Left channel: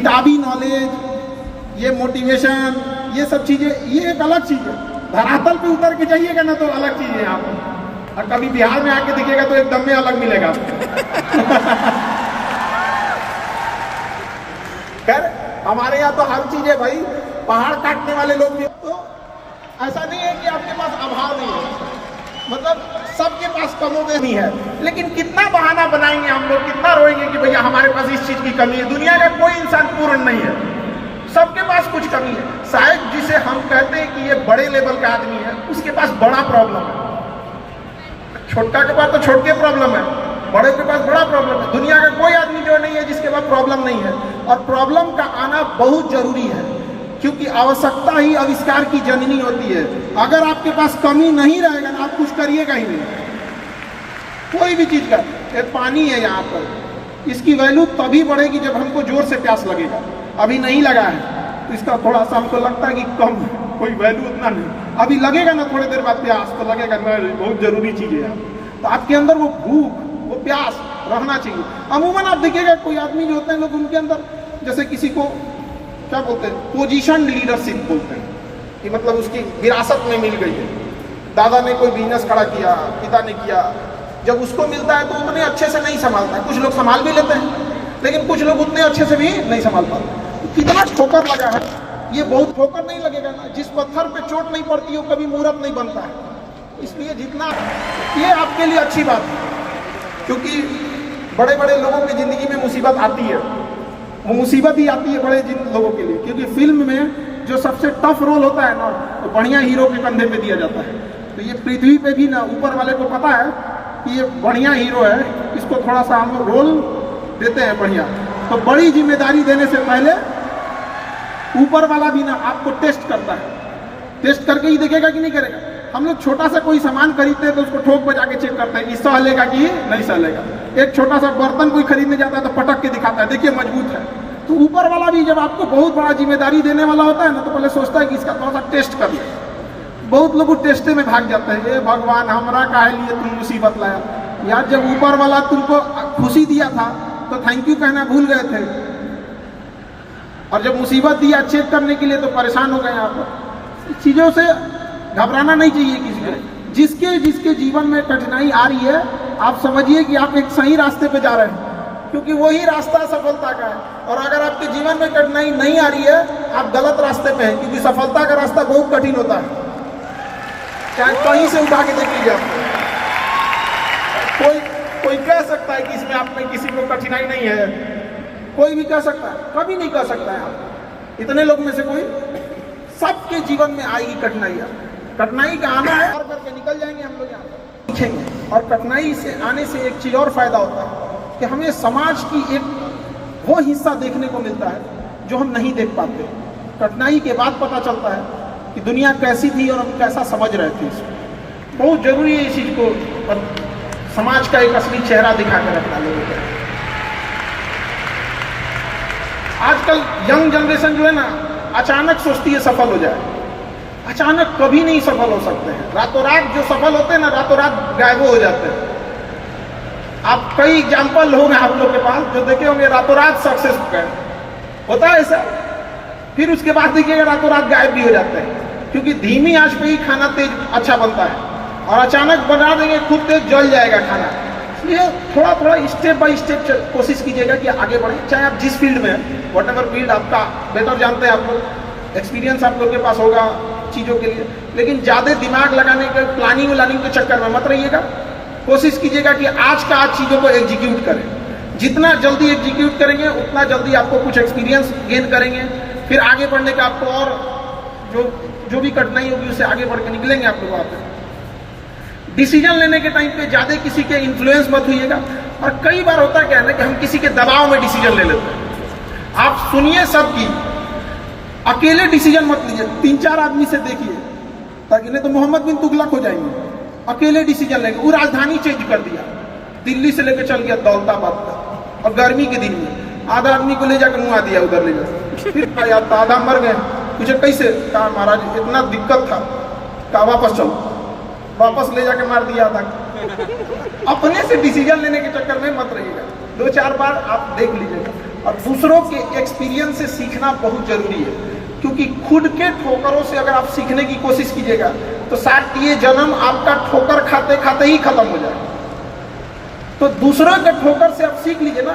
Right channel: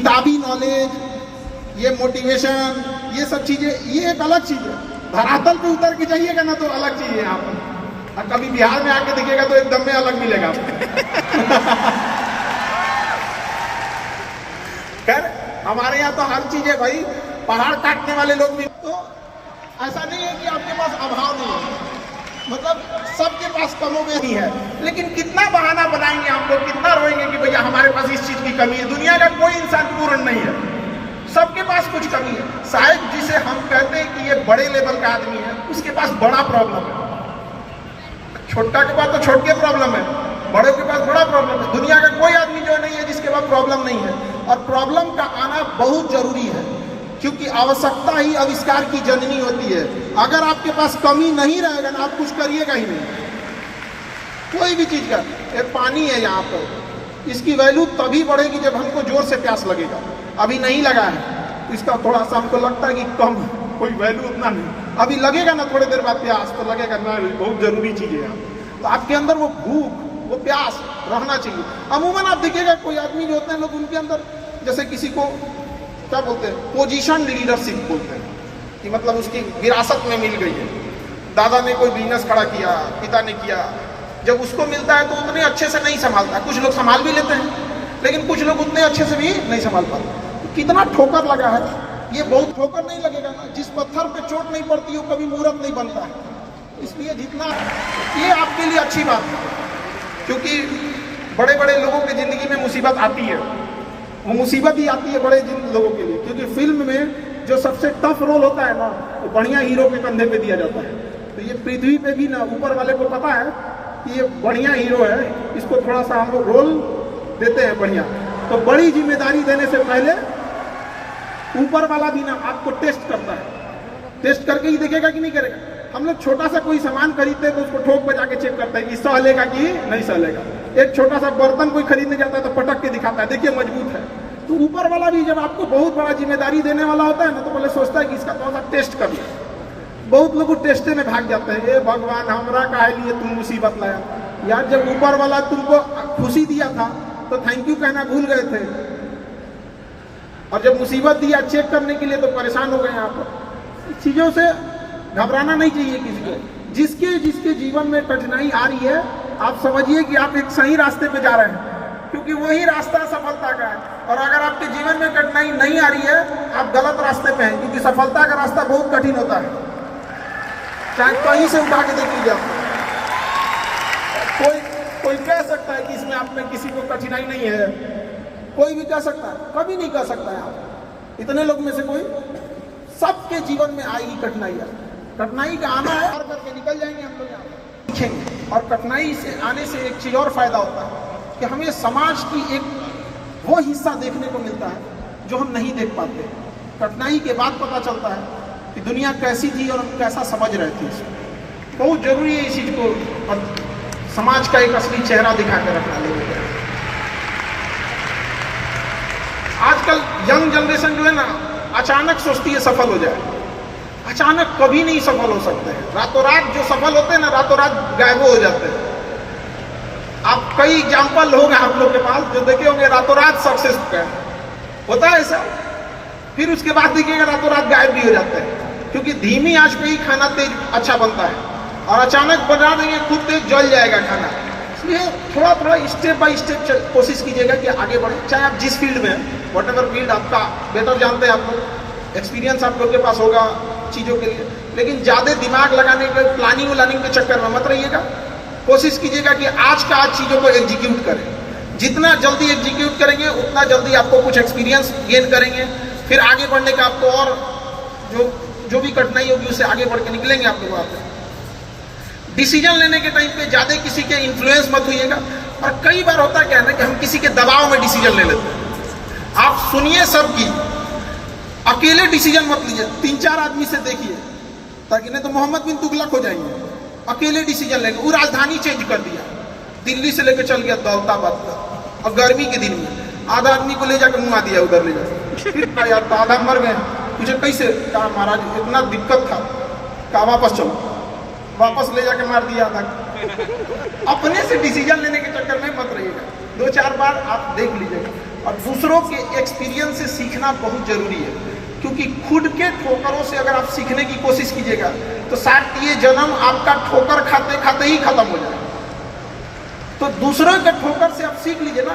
किताबी नॉलेज, ये मोटिवेशन, ये सब चीजें, ये एक अलग चीज है। धरातल पे उतर के जाइएगा ना तो अलग चीज है यहाँ पर, और कभी बिहार में आके दिखेगा तो एकदम में अलग मिलेगा। खैर हमारे यहाँ तो हर चीज है भाई, पहाड़ काटने वाले लोग भी, तो ऐसा नहीं है कि आपके पास अभाव नहीं है, मतलब सबके पास कमोबेश है, लेकिन कितना बहाना बनाएंगे हम लोग, कितना रोएंगे कि भैया हमारे पास इस चीज की कमी है। दुनिया का कोई इंसान पूर्ण नहीं है, सबके पास कुछ कमी है। शायद जिसे हम कहते हैं कि ये बड़े लेवल का आदमी है, उसके पास बड़ा प्रॉब्लम है, छोटा के पास तो छोटे प्रॉब्लम है, बड़े के पास बड़ा प्रॉब्लम है। दुनिया का कोई आदमी जो नहीं है जिसके पास प्रॉब्लम नहीं है, और प्रॉब्लम का आना बहुत जरूरी है, क्योंकि आवश्यकता ही आविष्कार की जननी होती है। अगर आपके पास कमी नहीं रहेगा ना, आप कुछ करिएगा ही नहीं, कोई भी चीज का। ये पानी है यहाँ पर, इसकी वैल्यू तभी बढ़ेगी जब हमको जोर से प्यास लगेगा। अभी नहीं लगा है, इसका थोड़ा सा हमको लगता है कि कम, कोई वैल्यू उतना नहीं। अभी लगेगा ना थोड़ी देर बाद प्यास, तो लगेगा ना बहुत जरूरी चीज है। तो आपके अंदर वो भूख, वो प्यास रहना चाहिए। अमूमन आप देखिएगा कोई आदमी जो होते हैं लोग, उनके अंदर जैसे किसी को क्या बोलते हैं, पोजीशन लीडरशिप बोलते हैं, कि मतलब उसकी विरासत में मिल गई है। दादा ने कोई बिजनेस खड़ा किया, पिता ने किया, जब उसको मिलता है तो उतने अच्छे से नहीं संभालता। कुछ लोग संभाल भी लेते हैं, लेकिन कुछ लोग उतने अच्छे से भी नहीं संभाल पाते। कितना ठोकर लगा है, ये बहुत ठोकर नहीं लगेगा ना, जिस पत्थर पे चोट नहीं पड़ती वो कभी मूर्त नहीं बनता है। इसलिए जितना, ये आपके लिए अच्छी बात है, क्योंकि बड़े बड़े लोगों की जिंदगी में मुसीबत आती है, वो मुसीबत ही आती है बड़े लोगों के लिए, क्योंकि फिल्म में जो सबसे टफ रोल होता है ना, वो बढ़िया हीरो के कंधे पे दिया जाता है। तो ये पृथ्वी पे भी ना, ऊपर वाले को पता है कि ये बढ़िया हीरो है, इसको थोड़ा सा हम लोग रोल देते हैं बढ़िया, तो बड़ी जिम्मेदारी देने से पहले ऊपर वाला भी ना आपको टेस्ट करता है, टेस्ट करके ही देखेगा कि नहीं करेगा। हम लोग छोटा सा कोई सामान खरीदते हैं तो उसको ठोक बजा के चेक करते हैं कि सह लेगा कि नहीं सह लेगा। एक छोटा सा बर्तन कोई खरीदने जाता है तो पटक के दिखाता है, देखिए मजबूत है। तो ऊपर वाला भी जब आपको बहुत बड़ा जिम्मेदारी देने वाला होता है ना, तो पहले सोचता है कि इसका थोड़ा सा टेस्ट कर ले। बहुत लोग टेस्टे में भाग जाते हैं, ये भगवान हमरा काहे लिए तुम मुसीबत लाया यार। जब ऊपर वाला तुमको खुशी दिया था तो थैंक यू कहना भूल गए थे, और जब मुसीबत दिया चेक करने के लिए तो परेशान हो गए। आप चीजों से घबराना नहीं चाहिए किसी को। जिसके जिसके जीवन में कठिनाई आ रही है, आप समझिए कि आप एक सही रास्ते पे जा रहे हैं, क्योंकि वही रास्ता सफलता का है। और अगर आपके जीवन में कठिनाई नहीं आ रही है, आप गलत रास्ते पे हैं, क्योंकि सफलता का रास्ता बहुत कठिन होता है। चाहे कहीं से उठा के देख लीजिए आप, कोई कह सकता है कि इसमें आप में किसी को कठिनाई नहीं है, कोई भी कह सकता है, कभी नहीं कह सकता है आप। इतने लोग में से कोई, सबके जीवन में आएगी कठिनाइयां। कठिनाई का आना है, और करके निकल जाएंगे हम लोग यहाँ सीखेंगे। और कठिनाई से आने से एक चीज और फायदा होता है कि हमें समाज की एक वो हिस्सा देखने को मिलता है जो हम नहीं देख पाते। कठिनाई के बाद पता चलता है कि दुनिया कैसी थी और हम कैसा समझ रहे थे इसको। बहुत जरूरी है इस चीज को, समाज का एक असली चेहरा दिखा के रखना लोगों को। आजकल यंग जनरेशन जो है ना, अचानक सोचती है सफल हो जाए। अचानक कभी नहीं सफल हो सकते हैं। रातों रात जो सफल होते हैं ना, रातों रात गायब हो जाते हैं। आप कई एग्जाम्पल होंगे आप लोग के पास जो देखे होंगे, रातों रात सक्सेस होता है ऐसा, फिर उसके बाद देखिएगा रातों रात गायब भी हो जाते हैं। क्योंकि धीमी आंच पे ही खाना तेज अच्छा बनता है, और अचानक बना देंगे खुद तेज जल जाएगा खाना। इसलिए थोड़ा थोड़ा स्टेप बाय स्टेप कोशिश कीजिएगा कि आगे बढ़े, चाहे आप जिस फील्ड में हैं, वट एवर फील्ड आपका बेटर जानते हैं आप लोग, एक्सपीरियंस आप लोग के पास होगा चीज़ों के लिए। लेकिन ज़्यादा दिमाग लगाने के, प्लानिंग व्लानिंग के चक्कर में मत रहिएगा। कोशिश कीजिएगा कि आज का आज चीज़ों को एग्जीक्यूट करें। जितना जल्दी एग्जीक्यूट करेंगे उतना जल्दी आपको कुछ एक्सपीरियंस गेन करेंगे, फिर आगे बढ़ने का आपको और जो भी कठिनाई होगी उससे आगे बढ़ के निकलेंगे आप लोग। वहाँ पे डिसीजन लेने के टाइम पे ज़्यादा किसी के इन्फ्लुएंस मत होइएगा। और कई बार होता क्या है ना कि हम किसी के दबाव में डिसीजन ले लेते हैं। आप सुनिए सबकी, अकेले डिसीजन मत लीजिए, 3-4 आदमी से देखिए, ताकि नहीं तो मोहम्मद बिन तुगलक हो जाएंगे। अकेले डिसीजन लेंगे। वो राजधानी चेंज कर दिया, दिल्ली से लेकर चल गया दौलताबाद पर, और गर्मी के दिन में आधा आदमी को ले जाकर मुआ दिया उधर ले जाकर। फिर यार आधा मर गए, मुझे कैसे, कहा महाराज इतना दिक्कत था, कहा वापस चलो, वापस ले जाकर मार दिया था। अपने से डिसीजन लेने के चक्कर में मत रहिएगा। 2-4 बार आप देख लीजिएगा। और दूसरों के एक्सपीरियंस से सीखना बहुत जरूरी है, क्योंकि खुद के ठोकरों से अगर आप सीखने की कोशिश कीजिएगा तो शायद ये जन्म आपका ठोकर खाते खाते ही खत्म हो जाए। तो दूसरों के ठोकर से आप सीख लीजिए ना।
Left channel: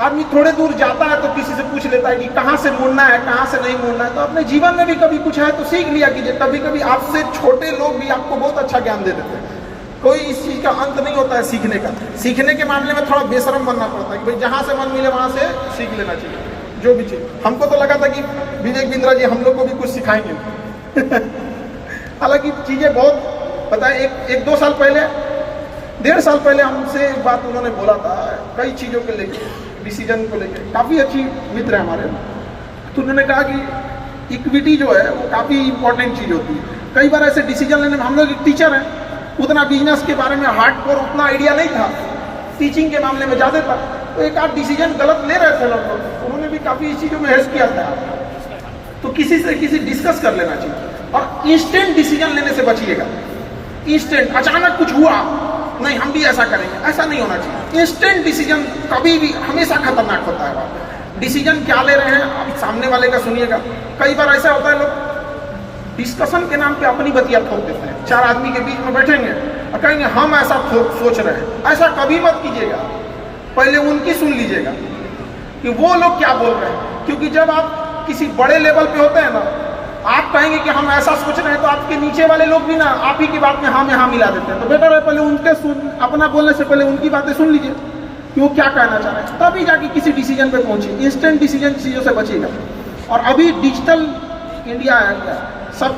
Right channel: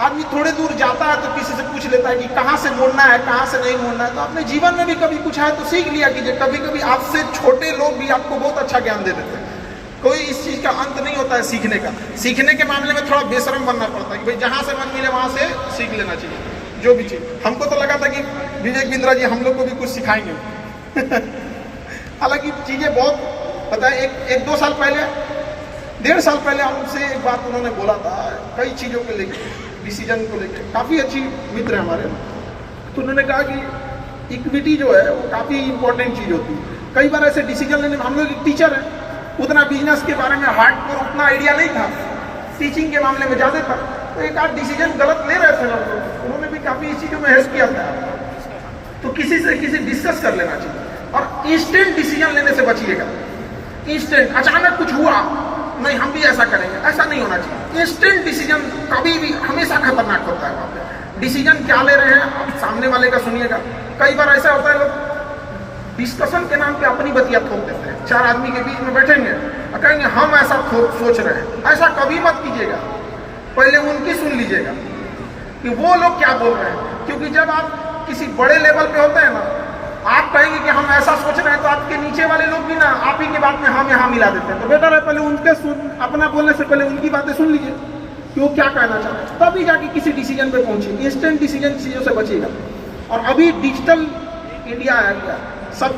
आदमी थोड़े दूर जाता है तो किसी से पूछ लेता है कि कहाँ से मुड़ना है, कहाँ से नहीं मुड़ना है। तो अपने जीवन में भी कभी कुछ है तो सीख लिया कीजिए। कभी कभी आपसे छोटे लोग भी आपको बहुत अच्छा ज्ञान दे देते हैं। कोई इस चीज का अंत नहीं होता है सीखने का। सीखने के मामले में थोड़ा बेशरम बनना पड़ता है कि भाई जहां से मन मिले वहां से सीख लेना चाहिए जो भी चीज। हमको तो लगा था कि विवेक बिंद्रा जी हम लोग को भी कुछ सिखाएंगे। हालांकि चीजें बहुत पता है। एक 2 साल पहले, 1.5 साल पहले हमसे एक बात उन्होंने बोला था कई चीजों के लेके, डिसीजन को लेके। काफी अच्छी मित्र है हमारे। तो उन्होंने कहा कि इक्विटी जो है वो काफी इंपॉर्टेंट चीज होती है। कई बार ऐसे डिसीजन लेने में, हम लोग एक टीचर है, उतना बिजनेस के बारे में हार्डकोर उतना आइडिया नहीं था, टीचिंग के मामले में ज्यादा था। तो एक आध डिसीजन गलत ले रहे थे लोग, उन्होंने भी काफी इस चीजों में हेल्प किया था। तो किसी से डिस्कस कर लेना चाहिए और इंस्टेंट डिसीजन लेने से बचिएगा। इंस्टेंट अचानक कुछ हुआ, नहीं हम भी ऐसा करेंगे, ऐसा नहीं होना चाहिए। इंस्टेंट डिसीजन कभी भी हमेशा खतरनाक होता है। डिसीजन क्या ले रहे हैं आप सामने वाले का सुनिएगा। कई बार ऐसा होता है लोग डिस्कशन के नाम पे अपनी बतिया ठोक देते हैं। 4 आदमी के बीच में बैठेंगे और कहेंगे हम ऐसा सोच रहे हैं। ऐसा कभी मत कीजिएगा, पहले उनकी सुन लीजिएगा कि वो लोग क्या बोल रहे हैं। क्योंकि जब आप किसी बड़े लेवल पे होते हैं ना, आप कहेंगे कि हम ऐसा सोच रहे हैं तो आपके नीचे वाले लोग भी ना आप ही की बात में हम यहाँ मिला देते हैं। तो बेटर है पहले उनके अपना बोलने से पहले उनकी बातें सुन लीजिए कि वो क्या कहना चाह रहे हैं, तभी जाके किसी डिसीजन पे पहुंचे। इंस्टेंट डिसीजन चीजों से बचिएगा। और अभी डिजिटल इंडिया आ गया, सब